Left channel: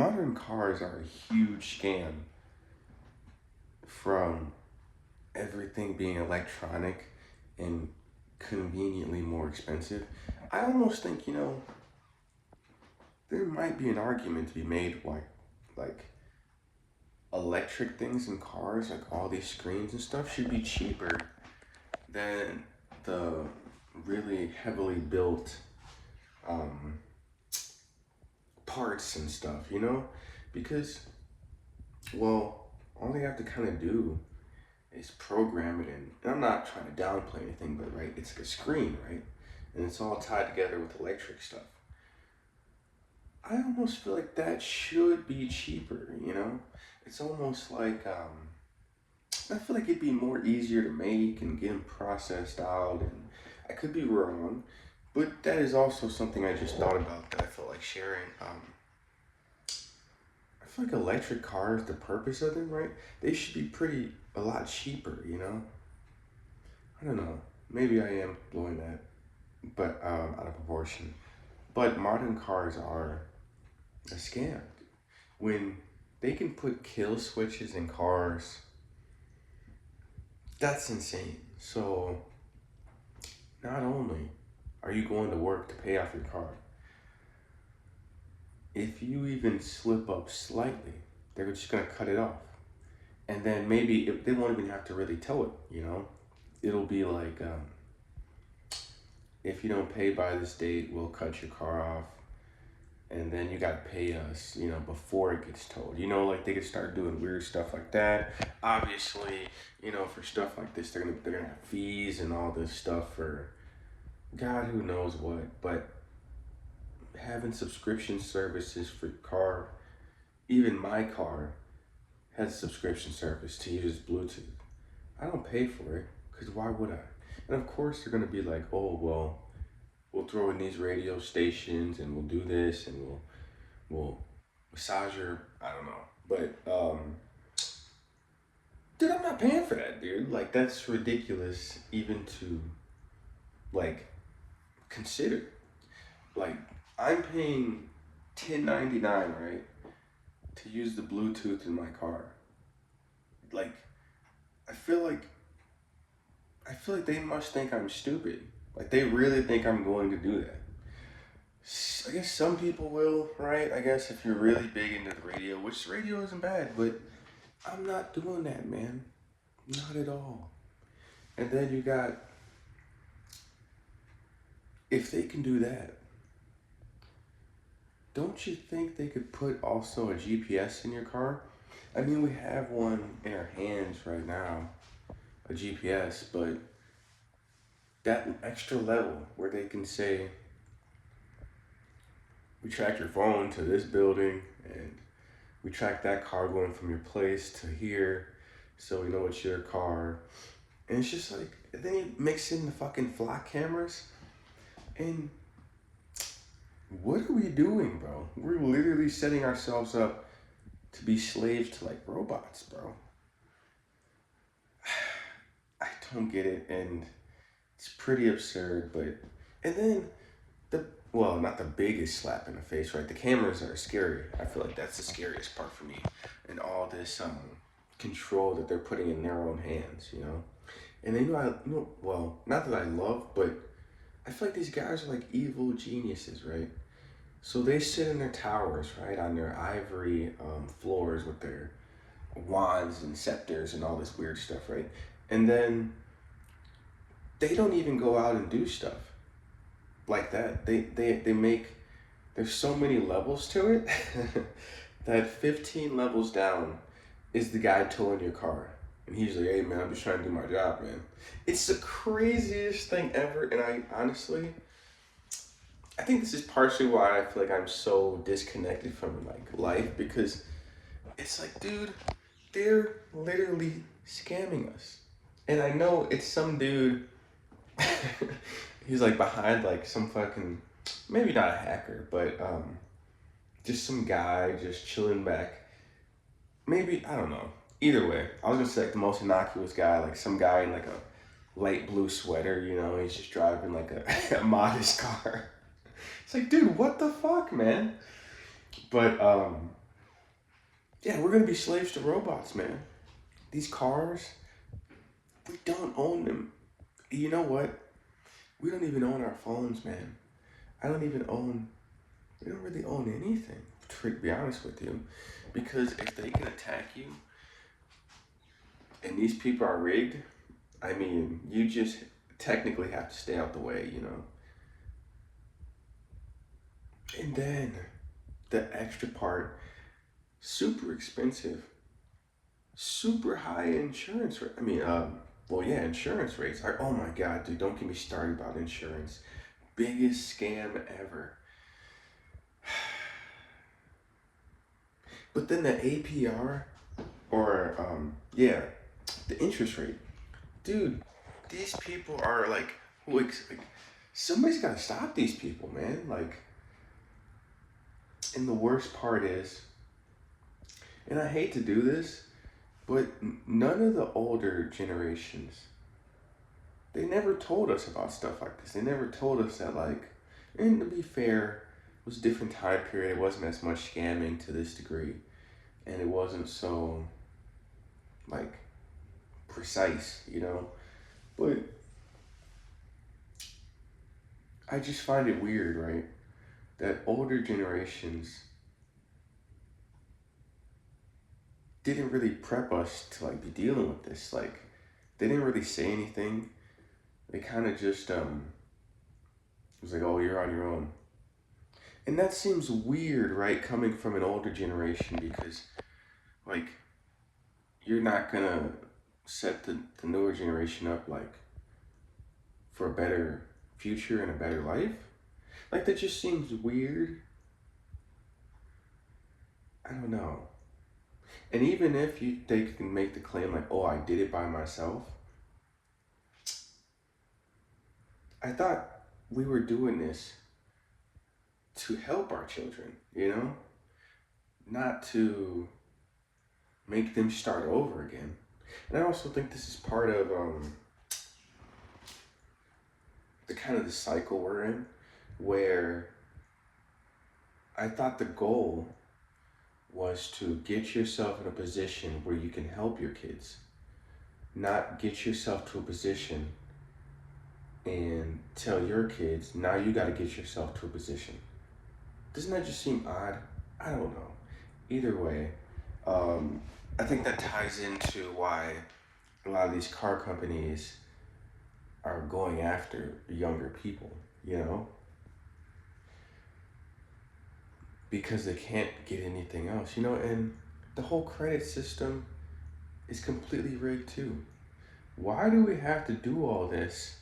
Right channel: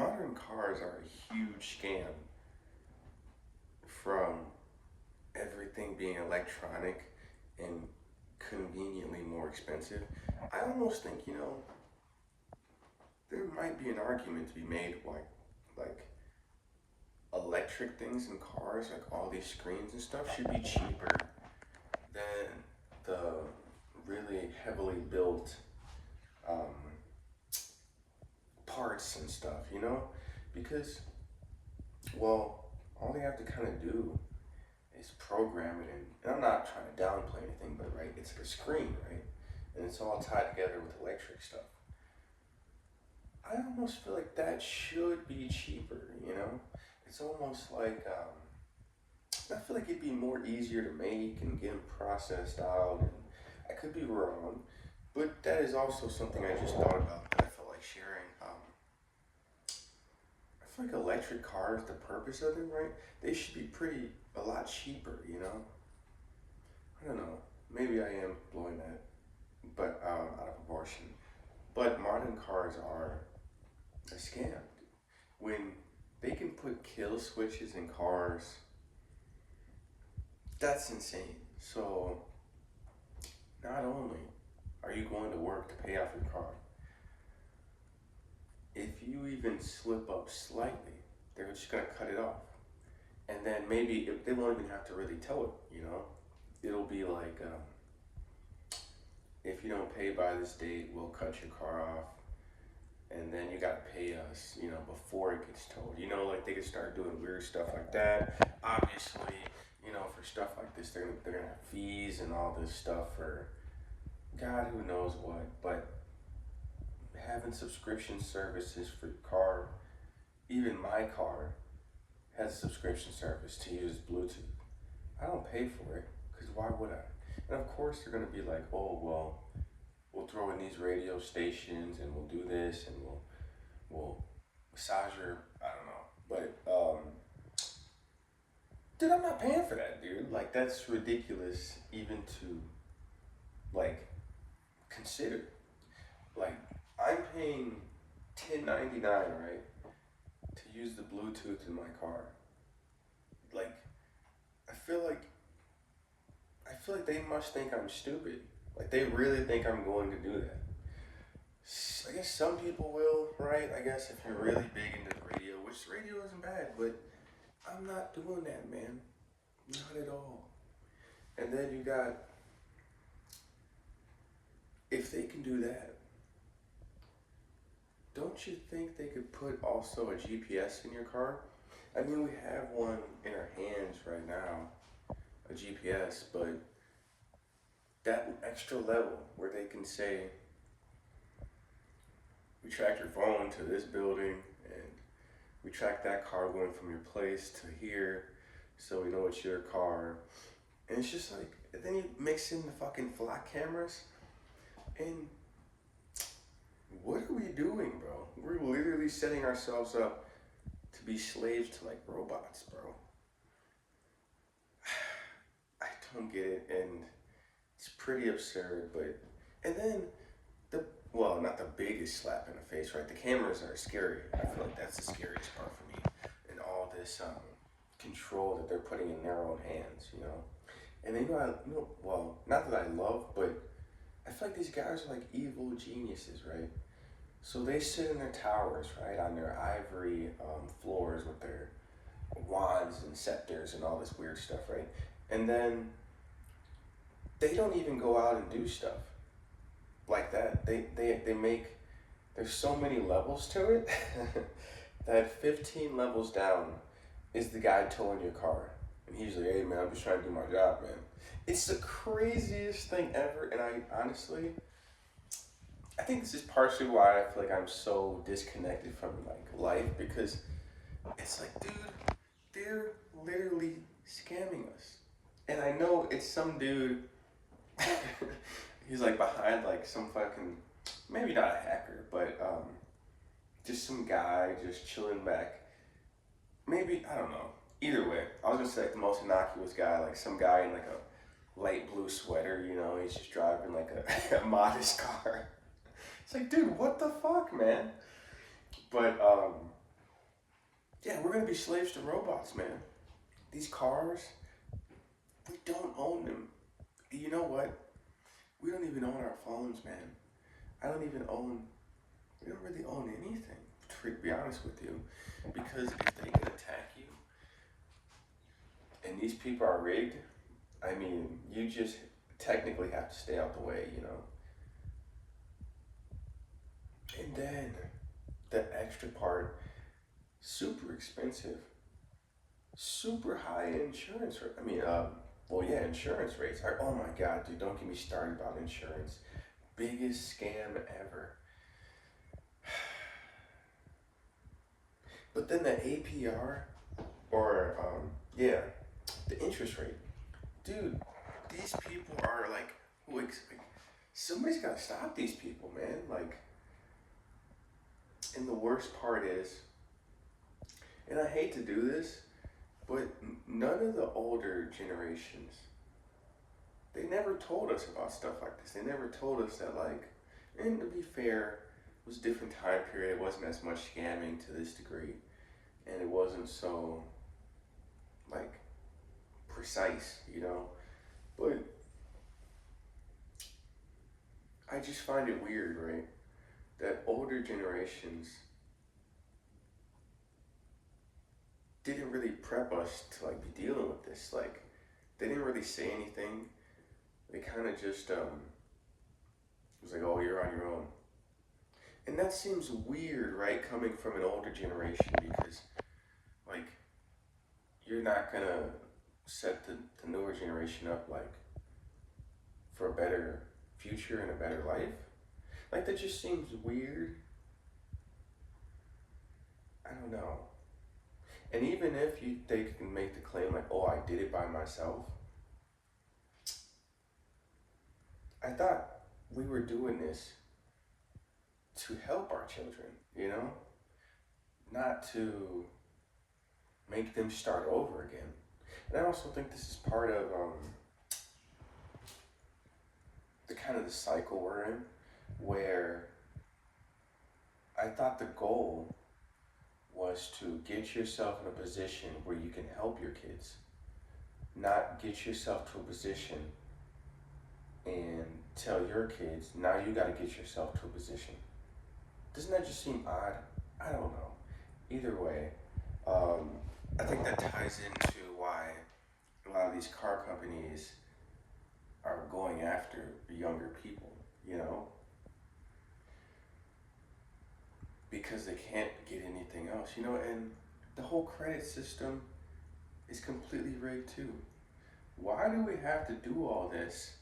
modern cars are a huge scam from everything being electronic and conveniently more expensive. I almost think, there might be an argument to be made like electric things in cars, like all these screens and stuff, should be cheaper than the really heavily built um, parts and stuff, Because, well, all they have to kind of do is program it in. And I'm not trying to downplay anything, but right, it's like a screen, right? And it's all tied together with electric stuff. I almost feel like that should be cheaper. It's almost like I feel like it'd be more easier to make and get them processed out. And I could be wrong, but that is also something I just thought about that I felt like sharing. I feel like electric cars, the purpose of them, right? They should be a lot cheaper. I don't know. Maybe I am blowing that, but out of proportion. But modern cars are a scam. When they can put kill switches in cars, that's insane. So not only are you going to work to pay off your car, if you even slip up slightly, they're just gonna cut it off. And then maybe if they won't even have to really tow it. It'll be like, if you don't pay by this date, we'll cut your car off. And then you gotta pay us, before it gets towed. Like they could start doing weird stuff like that. Obviously, for stuff like this, they're gonna have fees and all this stuff for God who knows what. But having subscription services for your car, even my car has a subscription service to use Bluetooth. I don't pay for it because why would I? And of course they're gonna be like, oh well, we'll throw in these radio stations and we'll do this and we'll massage your, I don't know. But dude, I'm not paying for that, dude. Like that's ridiculous even to like consider. Like I'm paying 10.99, right, to use the Bluetooth in my car. Like I feel like I feel like they must think I'm stupid. Like they really think I'm going to do that. I guess some people will, right? I guess if you're really big into the radio, which radio isn't bad, but I'm not doing that, man. Not at all. And then you got, if they can do that, don't you think they could put also a GPS in your car? I mean, we have one in our hands right now, a GPS, but that extra level where they can say, we track your phone to this building and we track that car going from your place to here so we know it's your car. And it's just like, then you mix in the fucking flock cameras and what are we doing, bro? We're literally setting ourselves up to be slaves to like robots, bro. I don't get it, and it's pretty absurd, but and then well, not the biggest slap in the face, right? The cameras are scary. I feel like that's the scariest part for me. And all this control that they're putting in their own hands. And they well, not that I love, but I feel like these guys are like evil geniuses, right? So they sit in their towers, right, on their ivory floors with their wands and scepters and all this weird stuff, right? And then they don't even go out and do stuff like that. They make, there's so many levels to it that 15 levels down is the guy towing your car. And he's like, hey man, I'm just trying to do my job, man. It's the craziest thing ever. And I think this is partially why I feel like I'm so disconnected from like life, because it's like, dude, they're literally scamming us. And I know it's some dude, he's like behind like some fucking, maybe not a hacker, but just some guy just chilling back. Maybe, I don't know. Either way, I was gonna say like the most innocuous guy, like some guy in like a light blue sweater, he's just driving like a modest car. It's like, dude, what the fuck, man? But Yeah, we're gonna be slaves to robots, man. These cars, we don't own them. You know what? We don't even own our phones, man. I don't even own, we don't really own anything, to be honest with you. Because if they can attack you and these people are rigged, I mean, you just technically have to stay out the way, you know? And then the extra part, super expensive, super high insurance rate. I mean, well, yeah, insurance rates are, oh my God, dude, don't get me started about insurance. Biggest scam ever. But then the APR, or, yeah, the interest rate. Dude, these people are like somebody's got to stop these people, man. Like, and the worst part is, and I hate to do this, but none of the older generations, they never told us about stuff like this. They never told us that, like, and to be fair, it was a different time period. It wasn't as much scamming to this degree, and it wasn't so, like, precise, you know? But I just find it weird, right? That older generations didn't really prep us to, like, be dealing with this. Like, they didn't really say anything. They kind of just, it was like, oh, you're on your own. And that seems weird, right? Coming from an older generation, because, like, you're not gonna set the newer generation up, like, for a better future and a better life. Like, that just seems weird. I don't know. And even if they can make the claim, like, oh, I did it by myself, I thought we were doing this to help our children, you know? Not to make them start over again. And I also think this is part of the kind of the cycle we're in, where I thought the goal was to get yourself in a position where you can help your kids, not get yourself to a position and tell your kids, now you got to get yourself to a position. Doesn't that just seem odd? I don't know. Either way, I think that ties into why a lot of these car companies are going after younger people, you know? Because they can't get anything else, you know? And the whole credit system is completely rigged too. Why do we have to do all this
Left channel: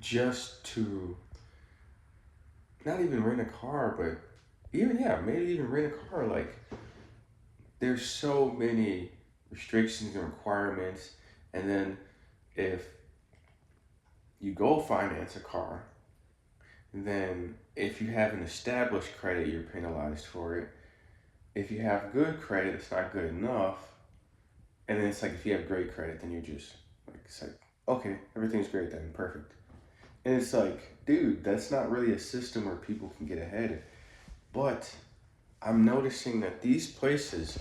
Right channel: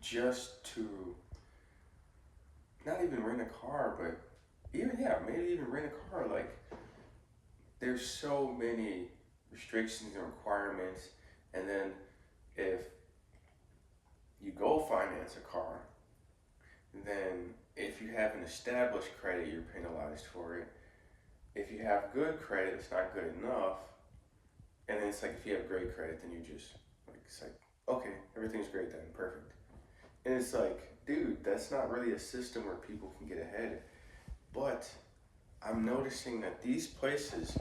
just to not even rent a car, but even, yeah, maybe even rent a car? Like, there's so many restrictions and requirements. And then if you go finance a car, then if you have an established credit, you're penalized for it. If you have good credit, it's not good enough. And then it's like, if you have great credit, then you're just like, it's like, okay, everything's great then, perfect. And it's like, dude, that's not really a system where people can get ahead. But I'm noticing that these places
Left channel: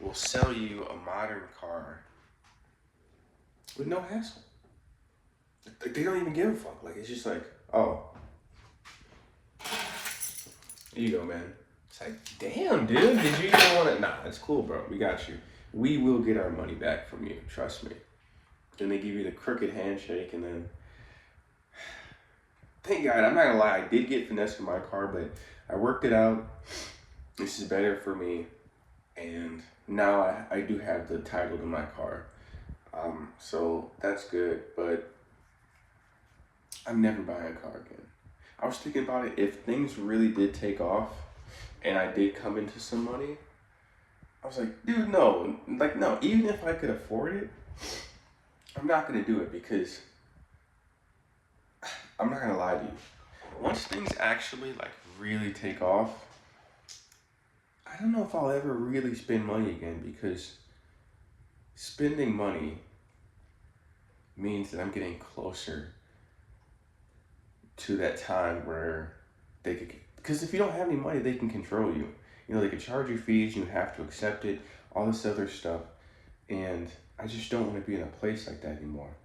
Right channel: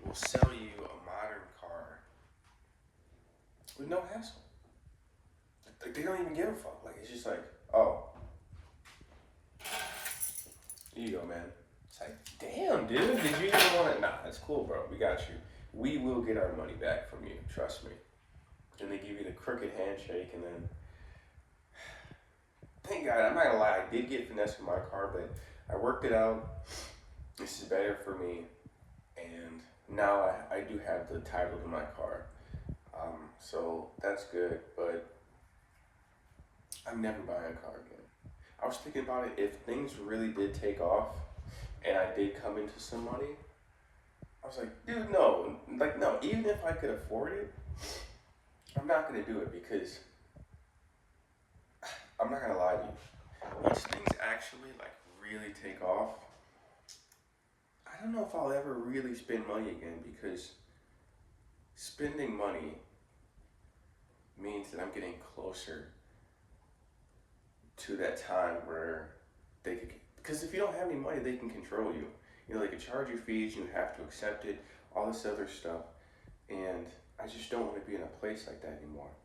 will sell you a modern car with no hassle. Like, they don't even give a fuck. Like, it's just like, oh, here you go, man. It's like, damn, dude, did you even want it? Nah, it's cool, bro. We got you. We will get our money back from you. Trust me. Then they give you the crooked handshake, and then, thank God, I'm not gonna lie, I did get finesse in my car, but I worked it out. This is better for me, and now I do have the title to my car. So that's good, but I'm never buying a car again. I was thinking about it, if things really did take off and I did come into some money, I was like, dude, no. Like, no, even if I could afford it, I'm not gonna do it, because I'm not gonna lie to you. Once things actually, like, really take off, I don't know if I'll ever really spend money again, because spending money means that I'm getting closer to that time where they could, because if you don't have any money, they can control you. You know, they could charge you fees, you have to accept it, all this other stuff. And I just don't want to be in a place like that anymore.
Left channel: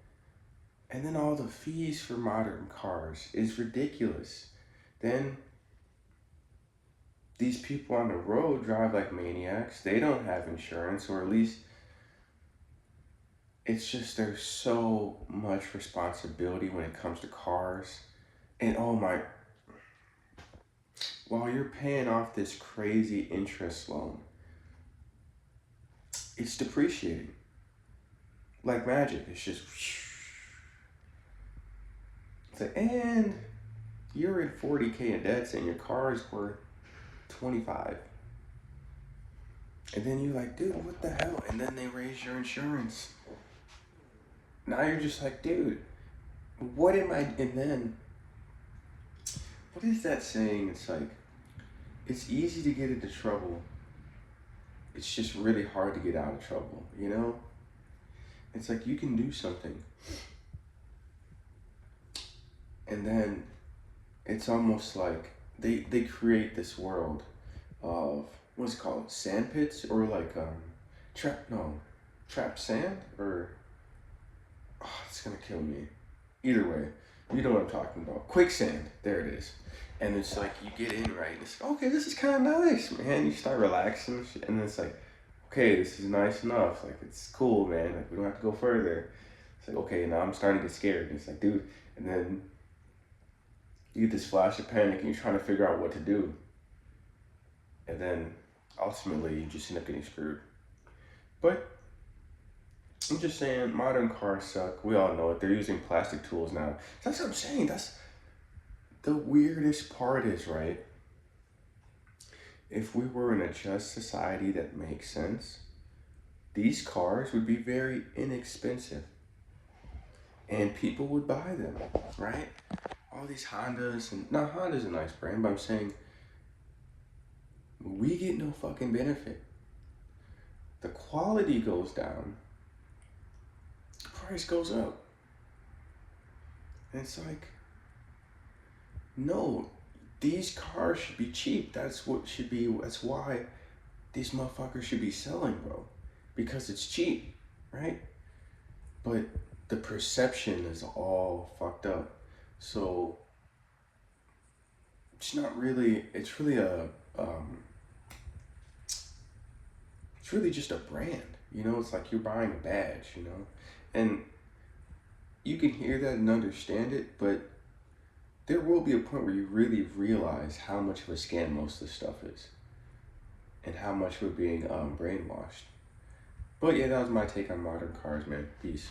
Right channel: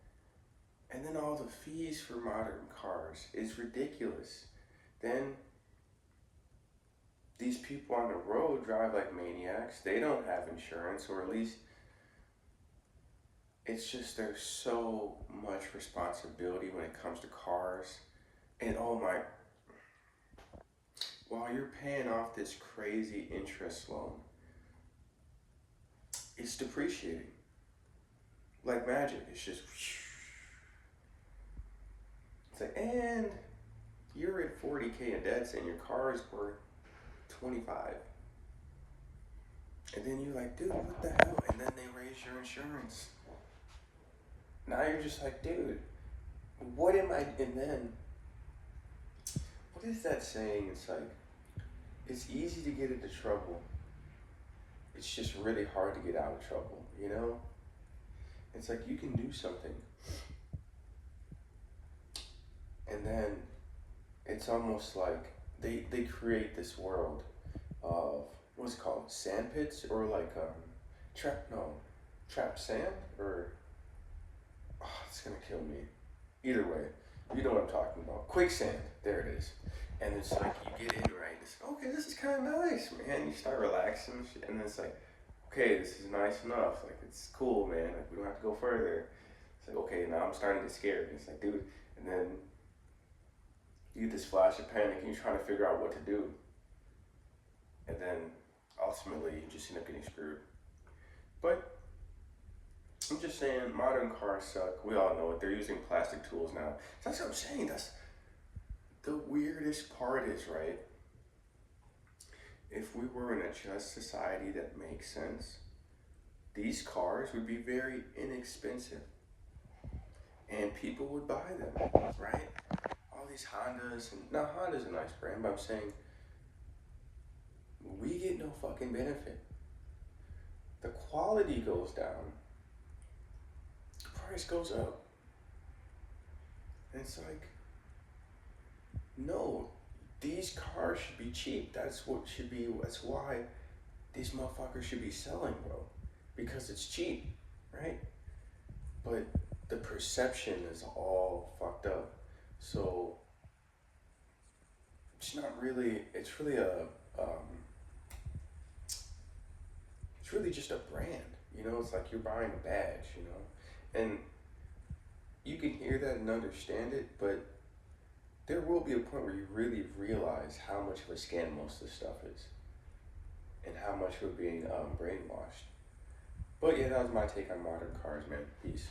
And then all the fees for modern cars is ridiculous. Then these people on the road drive like maniacs. They don't have insurance, or at least it's just there's so much responsibility when it comes to cars. And oh my, while you're paying off this crazy interest loan, it's depreciating like magic. It's just, it's like, and you're in 40K in debts and your car is worth 25. And then you're like, dude, what the hell? And then they raise your insurance. Now you're just like, dude, what am I? And then, what is that saying? It's like, it's easy to get into trouble. It's just really hard to get out of trouble, you know? It's like you can do something. And then it's almost like they create this world of, what's it called? Sand pits? Or like, trap sand? Or, oh, it's gonna kill me. Either way, you know what I'm talking about. Quicksand, there it is. And it's like, you get in, right? And it's, okay, this is kind of nice, man. You start relaxing, and then it's like, okay, this is nice enough. Like, it's cool, man. Like, we don't have to go further. It's like, okay, now I'm starting to get scared. And it's like, dude, and then you get this flash of panic, and you're trying to figure out what to do. And then, ultimately, you just end up getting screwed. But, I'm just saying, modern cars suck. We all know it. They're using plastic tools now. That's what I'm saying. That's the weirdest part is, right? If we were in a just society that makes sense, these cars would be very inexpensive. And people would buy them, right? All these Hondas, and now Honda's a nice brand, but I'm saying we get no fucking benefit. The quality goes down, the price goes up. And it's like, no, these cars should be cheap. That's why these motherfuckers should be selling, bro. Because it's cheap, right? But the perception is all fucked up. So it's really it's really just a brand, you know? It's like you're buying a badge, you know? And you can hear that and understand it, but there will be a point where you really realize how much of a scam most of this stuff is and how much we're being brainwashed. But yeah, that was my take on modern cars, man. Peace.